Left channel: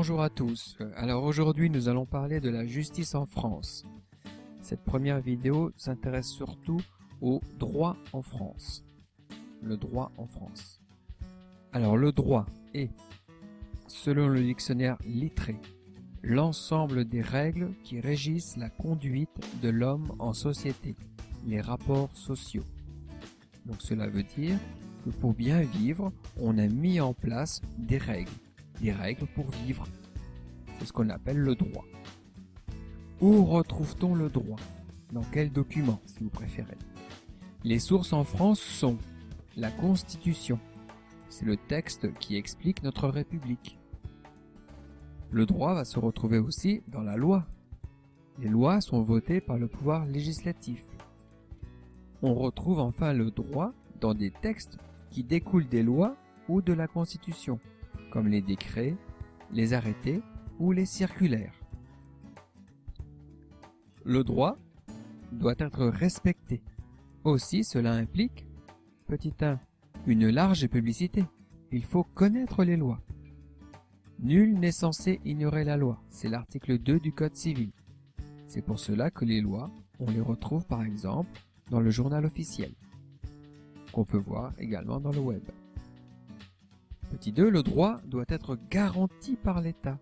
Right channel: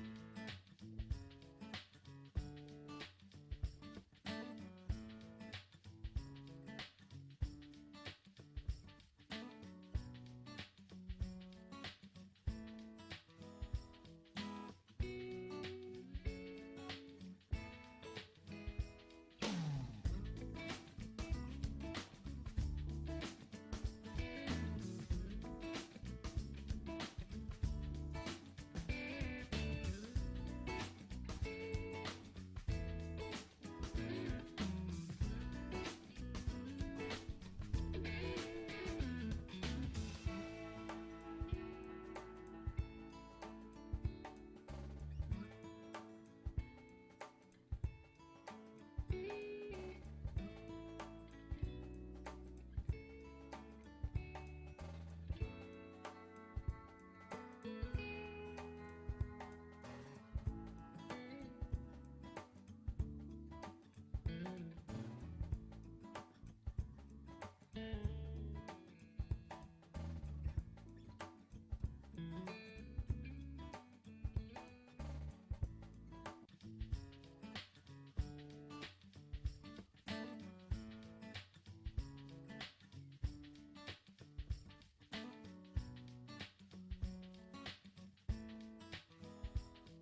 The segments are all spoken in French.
Bonjour à tous. Alors aujourd'hui nous allons parler de la justice en France. Cette première vidéo s'intéresse surtout au droit en France. Le droit en France. Alors le droit est, selon le dictionnaire Littré, l'ensemble des règles qui régissent la conduite de l'homme en société, les rapports sociaux. Donc cela veut dire que pour bien vivre, on a mis en place des règles pour vivre. C'est ce qu'on appelle le droit. Où retrouve-t-on le droit? Dans quel document, si vous préférez? Les sources en France sont la Constitution. C'est le texte qui explique notre République. Le droit va se retrouver aussi dans la loi. Les lois sont votées par le pouvoir législatif. On retrouve enfin le droit dans des textes qui découlent des lois ou de la Constitution, comme les décrets, les arrêtés ou les circulaires. Le droit doit être respecté. Aussi, cela implique, petit 1, une large publicité. Il faut connaître les lois. Nul n'est censé ignorer la loi. C'est l'article 2 du Code civil. C'est pour cela que les lois, on les retrouve par exemple dans le journal officiel, qu'on peut voir également dans le web. Petit 2, le droit doit être garanti par l'État,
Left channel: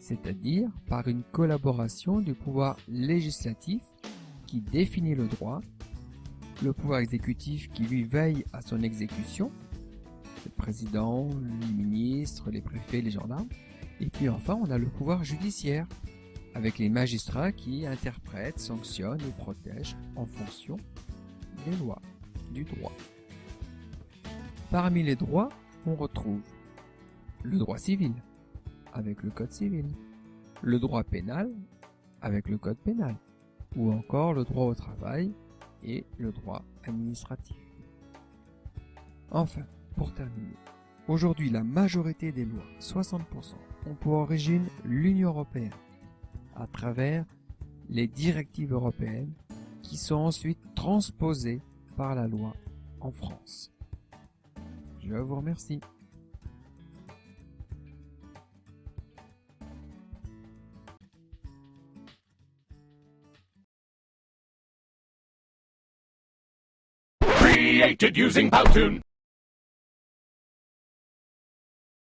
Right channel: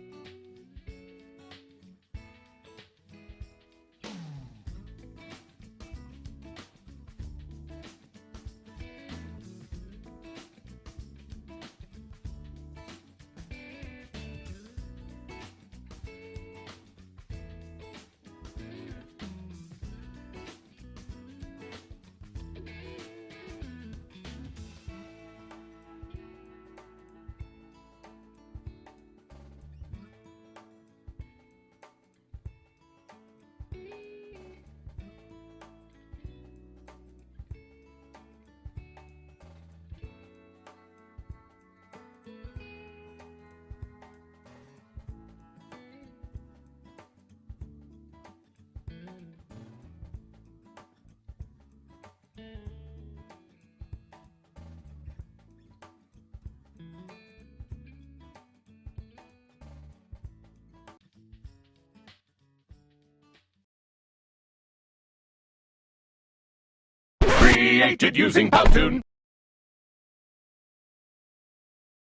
c'est-à-dire par une collaboration du pouvoir législatif qui définit le droit, le pouvoir exécutif qui lui veille à son exécution, le président, les ministres, les préfets, les gendarmes, et puis enfin on a le pouvoir judiciaire, avec les magistrats qui interprètent, sanctionnent et protègent en fonction des lois, du droit. Parmi les droits, on retrouve le droit civil, avec le Code civil, le droit pénal, avec le Code pénal, ou encore le droit au travail et le droit administratif. Enfin, pour terminer, aujourd'hui la majorité des lois, 60%, ont pour origine l'Union européenne, à travers les directives européennes qui sont ensuite transposées par la loi en France. Je vous remercie. Created using Powtoon.